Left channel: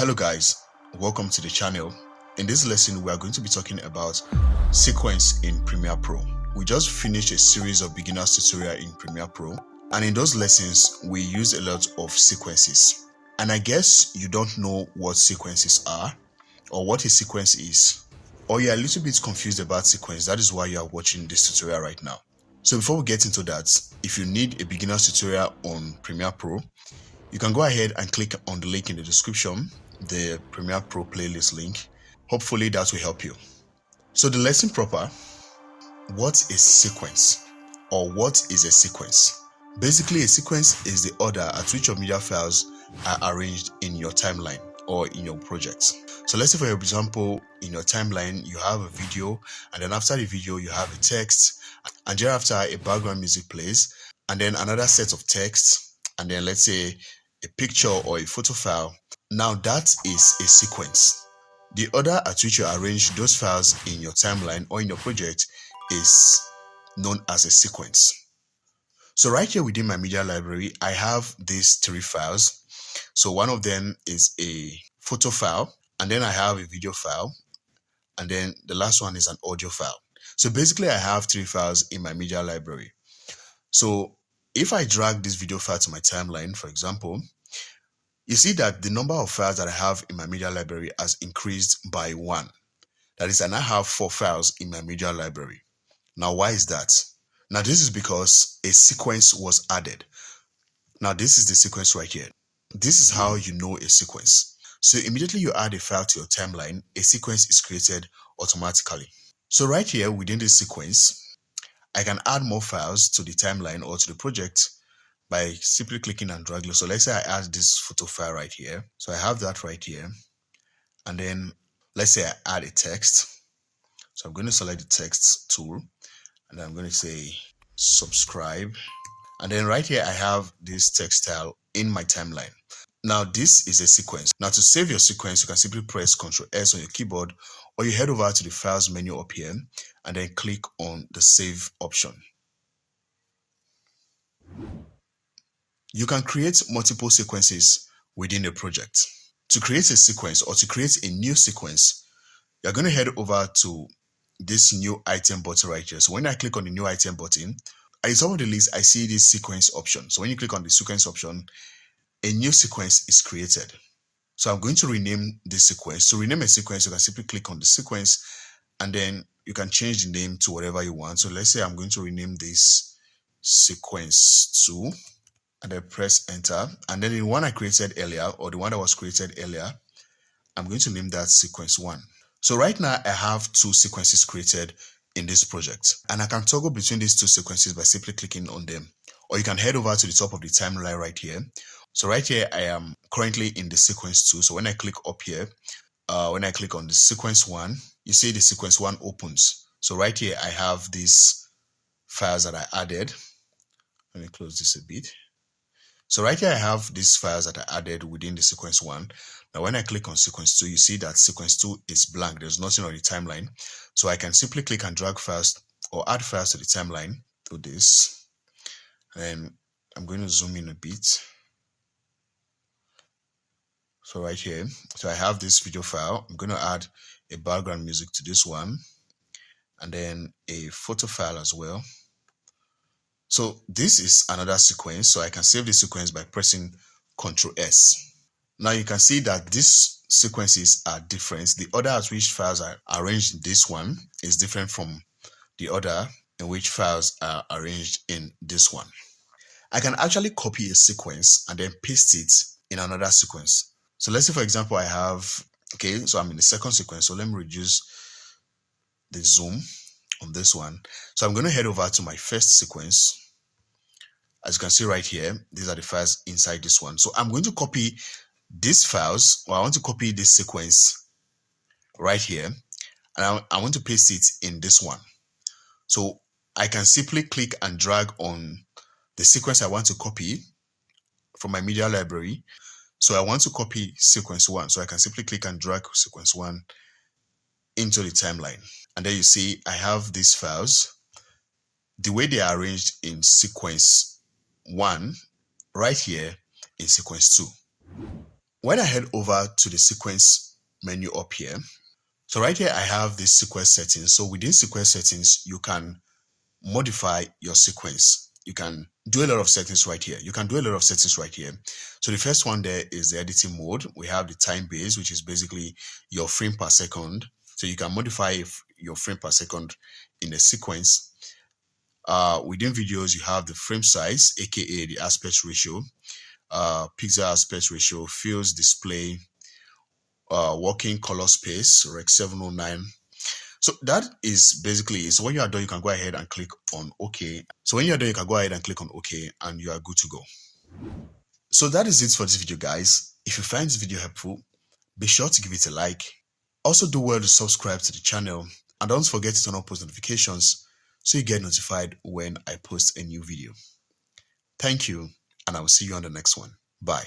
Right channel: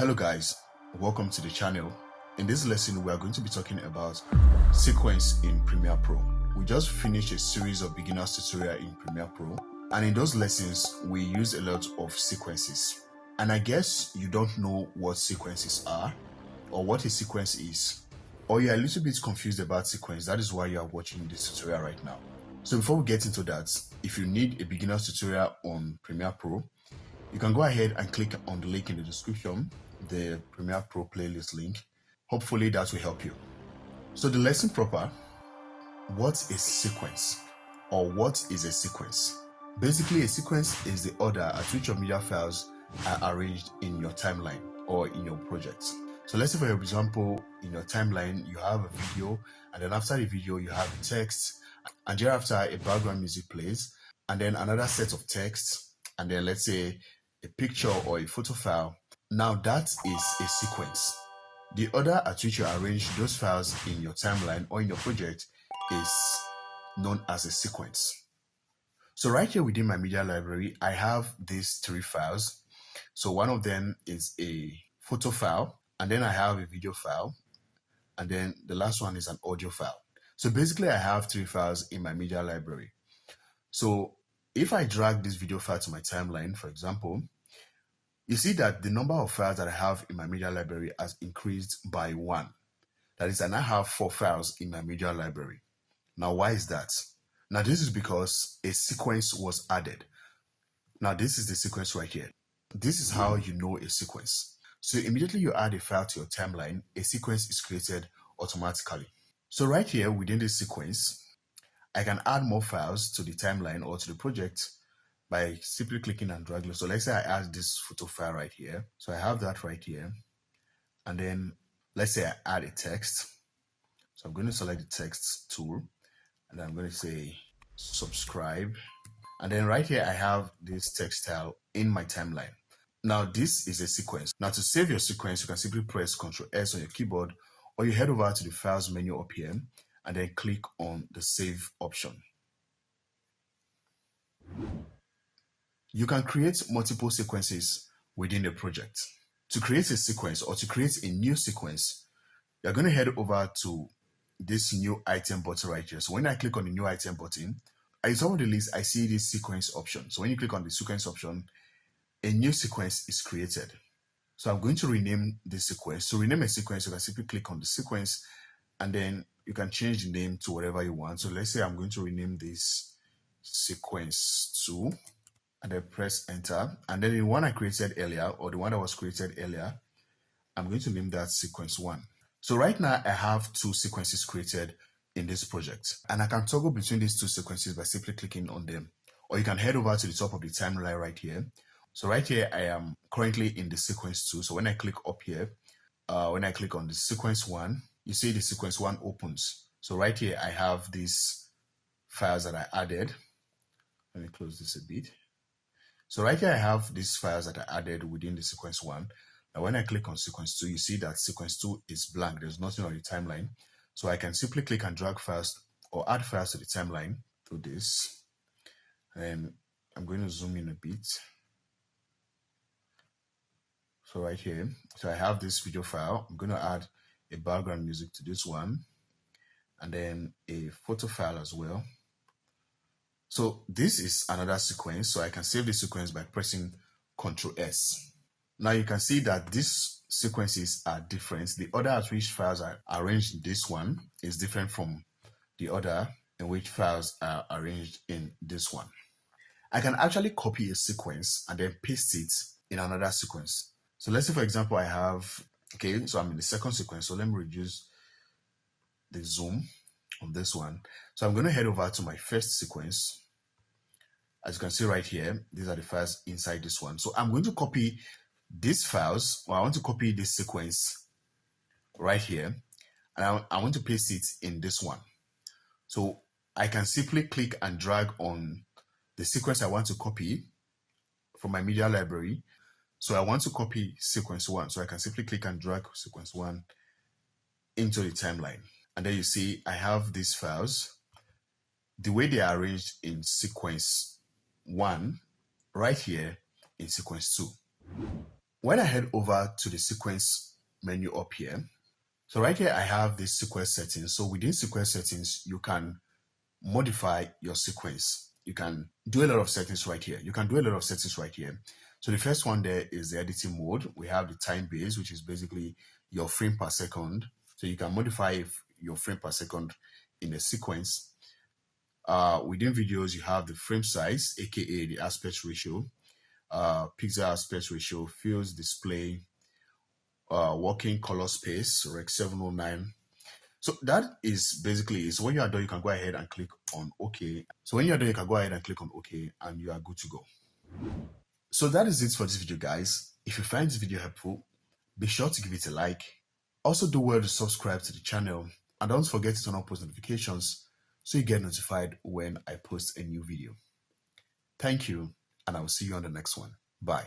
Hello guys, welcome to the channel. In this lesson we are going to be talking about sequence in Premiere Pro. We just finished a series of beginners tutorial in Premiere Pro, and in those lessons we use a lot of sequences. And I guess you don't know what sequences are or what a sequence is, or you're a little bit confused about sequence. That is why you are watching this tutorial right now. So before we get into that, if you need a beginner's tutorial on Premiere Pro, you can go ahead and click on the link in the description, the Premiere Pro playlist link. Hopefully that will help you. So the lesson proper, what is sequence, or what is a sequence? Basically, a sequence is the order at which your media files are arranged in your timeline or in your project. So let's say, for example, in your timeline you have a video, and then after the video you have a text, and thereafter a background music plays, and then another set of text, and then let's say a picture or a photo file. Now that is a sequence. The order at which you arrange those files in your timeline or in your project is known as a sequence. So right here within my media library, I have these three files. So one of them is a photo file, and then I have a video file, and then the last one is an audio file. So basically I have three files in my media library. So if I drag this video file to my timeline, for example, you see that the number of files that I have in my media library has increased by 1. That is, I now have 4 files in my media library. Now, why is that? Now, this is because a sequence was added. Now, this is the sequence right here. This is how you know a sequence. So immediately you add a file to your timeline, a sequence is created automatically. So right here within this sequence, I can add more files to the timeline or to the project by simply clicking and dragging. So let's say I add this photo file right here. So I have that right here. And then let's say I add a text. So I'm going to select the text tool, and I'm going to say subscribe. And then right here I have this text style in my timeline. Now this is a sequence. Now to save your sequence, you can simply press Ctrl S on your keyboard, or you head over to the files menu up here and then click on the save option. You can create multiple sequences within a project. To create a sequence or to create a new sequence, you're going to head over to this new item button right here. So when I click on the new item button, at the top of the list, I see this sequence option. So when you click on the sequence option, a new sequence is created. So I'm going to rename this sequence. To rename a sequence, you can simply click on the sequence, and then you can change the name to whatever you want. So let's say I'm going to rename this sequence 2, and then press enter. And then the one I created earlier, or the one that was created earlier, I'm going to name that sequence 1. So right now I have 2 sequences created in this project, and I can toggle between these 2 sequences by simply clicking on them. Or you can head over to the top of the timeline right here. So right here I am currently in the sequence 2. So when I click up here, when I click on the sequence 1, you see the sequence 1 opens. So right here I have these files that I added. Let me close this a bit. So right here I have these files that I added within the sequence 1. Now when I click on sequence 2, you see that sequence 2 is blank. There's nothing on the timeline. So I can simply click and drag files or add files to the timeline to this. And I'm going to zoom in a bit. So right here, so I have this video file. I'm going to add a background music to this one, and then a photo file as well. So this is another sequence. So I can save the sequence by pressing Ctrl S. Now you can see that these sequences are different. The order at which files are arranged in this one is different from the order in which files are arranged in this one. I can actually copy a sequence and then paste it in another sequence. So let's say, for example, I have, okay, so I'm in the second sequence. So let me reduce the zoom on this one. So I'm going to head over to my first sequence. As you can see right here, these are the files inside this one. So I'm going to copy these files, or I want to copy this sequence right here, and I want to paste it in this one. So I can simply click and drag on the sequence I want to copy from my media library. So I want to copy sequence 1. So I can simply click and drag sequence 1 into the timeline. And then you see I have these files. The way they are arranged in sequence 1 right here in sequence 2. When I head over to the sequence menu up here, so right here I have this sequence settings. So within sequence settings, you can modify your sequence. You can do a lot of settings right here. So the first one there is the editing mode. We have the time base, which is basically your frame per second. So you can modify your frame per second in the sequence. Within videos, you have the frame size, aka the aspect ratio, pixel aspect ratio, fields display, working color space, Rec 709. So that is basically, so when you are done, you can go ahead and click on OK. And you are good to go. So that is it for this video, guys. If you find this video helpful, be sure to give it a like. Also do well to subscribe to the channel, and don't forget to turn on post notifications so you get notified when I post a new video. Thank you, and I will see you on the next one. Bye.